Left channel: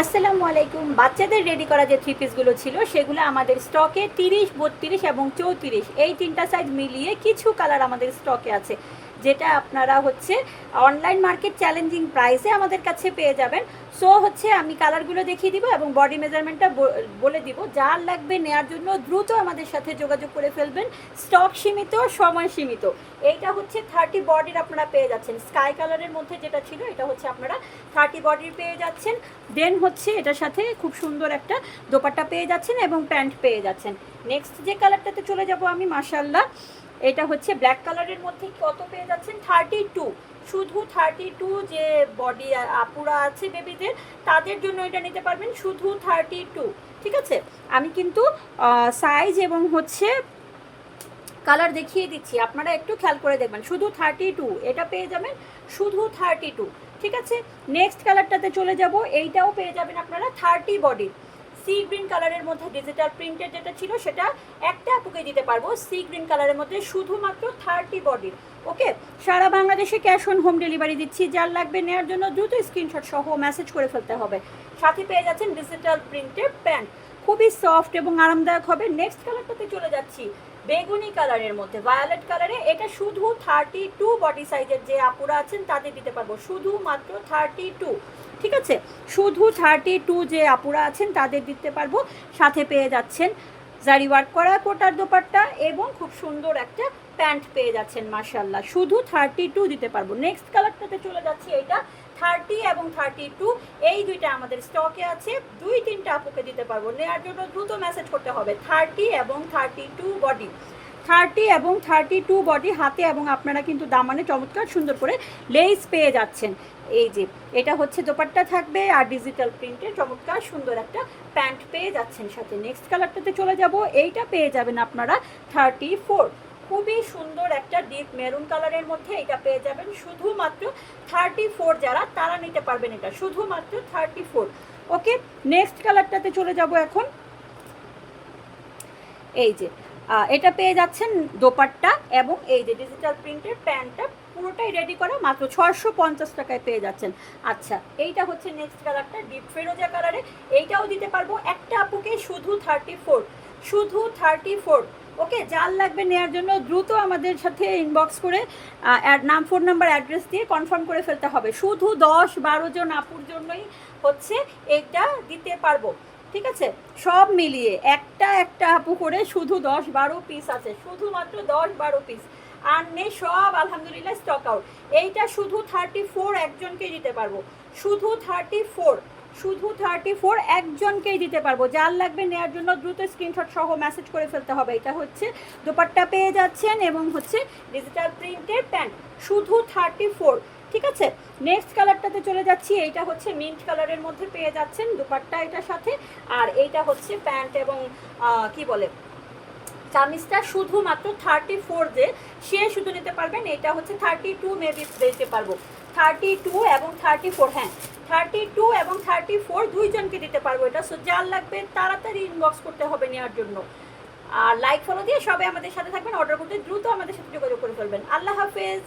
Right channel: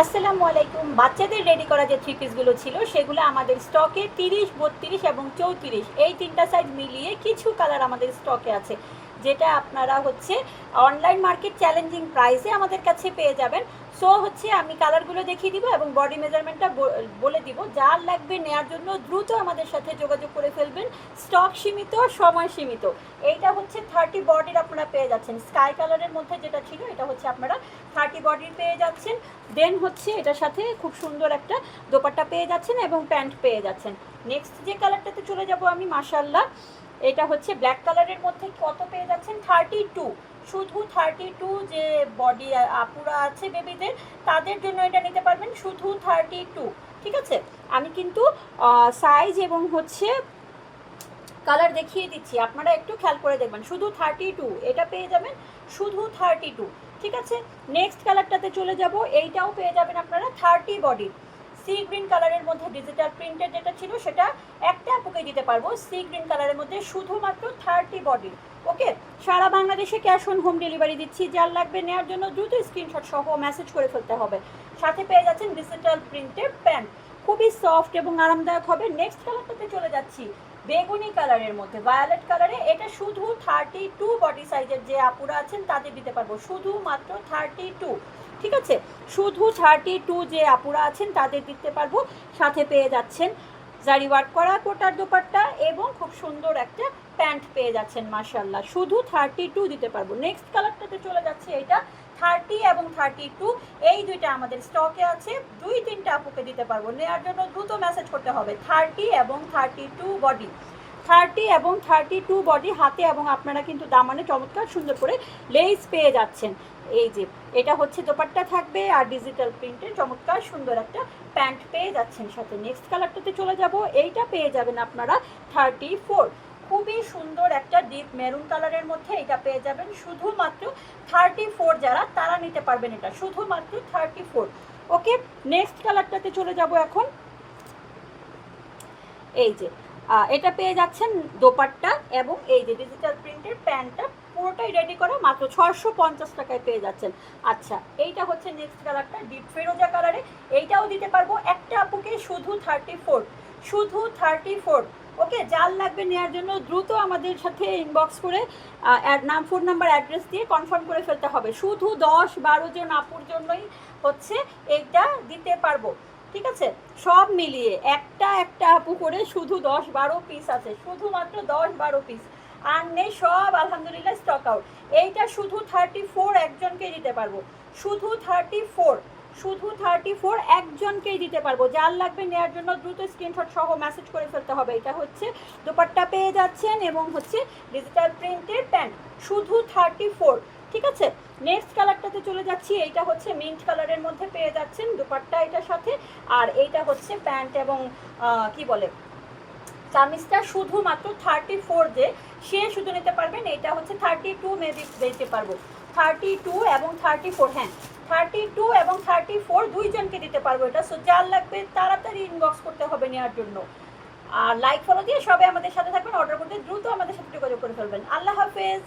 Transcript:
আসসালামু আলাইকুম। বাচ্চাদের রেডি করা যে থ্রি পিসগুলো ছিল সেগুলো আমাদের স্টকে 30, 32 এবং 34 এই তিনটা সাইজ মিলিয়ে কিছু কালার আমাদের স্টকে আছে, যেটা আপনারা অনলাইন মার্কেট চ্যালেঞ্জিং প্রাইসে আমাদের কাছে পেয়ে যাবেন। সো আমি কালারগুলো দেখিয়ে দিব এবং বডি মেজারমেন্টটা বলে দিব। যার লাগবে নেওয়ার জন্য দ্রুত আমাদের সাথে যোগাযোগ করে ফেলবেন। স্টক সীমিত, সময় সীমিত। এইটা 30 বডির আপনারা পেয়ে যাচ্ছেন। স্কাই কালারের মধ্যে যেটা ছিল এটা আপনারা 30 বডির পেয়ে যাচ্ছেন। দেন এটার সাথে খুব সুন্দর একটা দোপাট্টা পেয়ে যাচ্ছেন এবং প্যান্ট পেয়ে যাচ্ছেন। নেক্সট যে কালারটাতে চলে যাব আমি, মাশাআল্লাহ, এটা ব্ল্যাক কালারের মধ্যে কত পেয়ে যাচ্ছেন 32। শুধু 32 যে বডি আপুরা আছে বেবিদের, তাদের জন্য এটা নিতে পারবেন শুধু 32। ঠিক আছে, আমি কিন্তু সাইজ এবং কালার দেখিয়ে দিচ্ছি, আপনারা একটু খেয়াল করে দেখবেন। শুধু 32 এটা পেয়ে যাবেন, শুধু 32। ঠিক আছে, নেক্সট কালারটাতে চলে যাব। এইটাও পেয়ে যাবেন আপনারা 30 বডির। সি গ্রিন কালারের মধ্যে ডিজিটাল প্রিন্টেড যেটা ছিল সেটা একটা আপুকে দিতে পারবো। সি গ্রিন কালারের মধ্যে শুধুমাত্র 30 বডির। ওকে, সারা বাংলাদেশে ক্যাশ অন হোম ডেলিভারি দিচ্ছি। যার লাগবে নেওয়ার জন্য দ্রুত স্ক্রিনশট সহ মেসেজ করে ফেলতে হবে। সাথে পেয়ে যাচ্ছেন ডিজিটাল প্রিন্টেড প্যান্ট, খুবই সফট এবং আরামদায়ক হবে। নেক্সট কালারটাতে চলে যাচ্ছি, বেগুনি কালারের মধ্যে ভায়োলেট কালারে। এটা শুধু 32 বডি সাইজের যে আপুরা আছেন তাদের দিতে পারবো, শুধুমাত্র 32। ঠিক আছে, শুধু 32 যে আপুরা আছেন তাদের দিতে পারবো। সাথে পেয়ে যাচ্ছেন জারি ওয়ার্ক করা কোটার দোপাট্টা এবং খুব সুন্দর একটা প্যান্ট পেয়ে যাচ্ছেন। মাশাআল্লাহ, শুধু 32 দিতে পারবো। নেক্সট কালারটাতে চলে যাচ্ছে, এটা 30 এবং 32 এই দুইটা আমাদের স্টকে আছে। 2-3টা আপুকে দিতে পারবো। নেওয়ার জন্য দ্রুত মেসেজ করতে হবে। 30 এবং 32 বডি, 30 এবং 32 বডি হাতে, এবং আপনারা কিন্তু দামানে চমৎকার সুন্দর করে লেস পেয়ে যাচ্ছেন। এই যে এটা দোপাট্টা থাকবে আর ডিজিটাল প্রিন্টের চমৎকার সুন্দর একটা প্যান্ট পেয়ে যাচ্ছেন সাথে। নেক্সট কালারটাতে চলে যাব। এইটা পেয়ে যাবেন আপনারা 34, খুবই সুন্দর একটা ডিপ মেরুন কালারের মধ্যে। এটা পেয়ে যাবেন শুধুমাত্র 34, যারা তারা নিতে পারবেন এটা শুধুমাত্র 34। ওকে, নেক্সট কালারটাতে চলে যাব এখন। এই যে এটা পেয়ে যাচ্ছেন দোপাট্টা এবং এই যে ডিজিটাল প্রিন্টের প্যান্টটা পুরোটাই রেডি করে মাত্র 650 টাকায় পেয়ে যাচ্ছেন। আচ্ছা, এইটা নেক্সট কালারটা ডিপ ফেরোজা কালারে। এইটাও দিতে পারবো একটা আপুকে শুধু 34, শুধু 34। ওকে, যার লাগবে নেওয়ার জন্য দ্রুত আমাদের সাথে ইনবক্স করে নাম, ফোন নাম্বার, অ্যাড্রেস দিয়ে কনফার্ম করে ফেলতে হবে। শুধু 10-12 জন আপুর জন্যই এইটা দিতে পারবো। ঠিক আছে, সব মিলিয়ে একটা আপু করে শুধু 10-12 পিস আছে, শুধুমাত্র 10-12 পিস আর নেই, সব আলহামদুলিল্লাহ স্টক আউট। এইটা শুধু 34 একজনকেই দিতে পারবো, শুধু 34, শুধু 34 একজনকেই দিতে পারবো। যার লাগবে নেওয়ার জন্য দ্রুত স্ক্রিনশট সহ মেসেজ করে ফেলতে হবে। এটা দোপাট্টা পেয়ে যাচ্ছেন এবং ডিজিটাল প্রিন্টের প্যান্ট, শুধু 34। ঠিক আছে, নেক্সট কালারটাতে চলে যাচ্ছি। এইটা মিন্ট কালারের মধ্যে পেয়ে যাচ্ছেন দোপাট্টা এটার সাথে, আর এইটা প্যান্ট এবং কি বলে চামিজটা শুধুমাত্র 34 যে সে শুধু নিতে পারবেন। এটা 32 মেবি দিতে পারবো, 32 এবং 34, হ্যাঁ 32 এবং 34 দুইজনকে দিতে পারবো এটা। সো যার লাগবে তাড়াতাড়ি ইনবক্স করতে হবে নেওয়ার জন্য। আর লাইক ফলো দিয়ে সবাই আমাদের সাথে থাকবেন। অর্ডার করতে দ্রুত আমাদের সাথে যোগাযোগ করে ফেলবেন। আল্লাহ হাফেজ।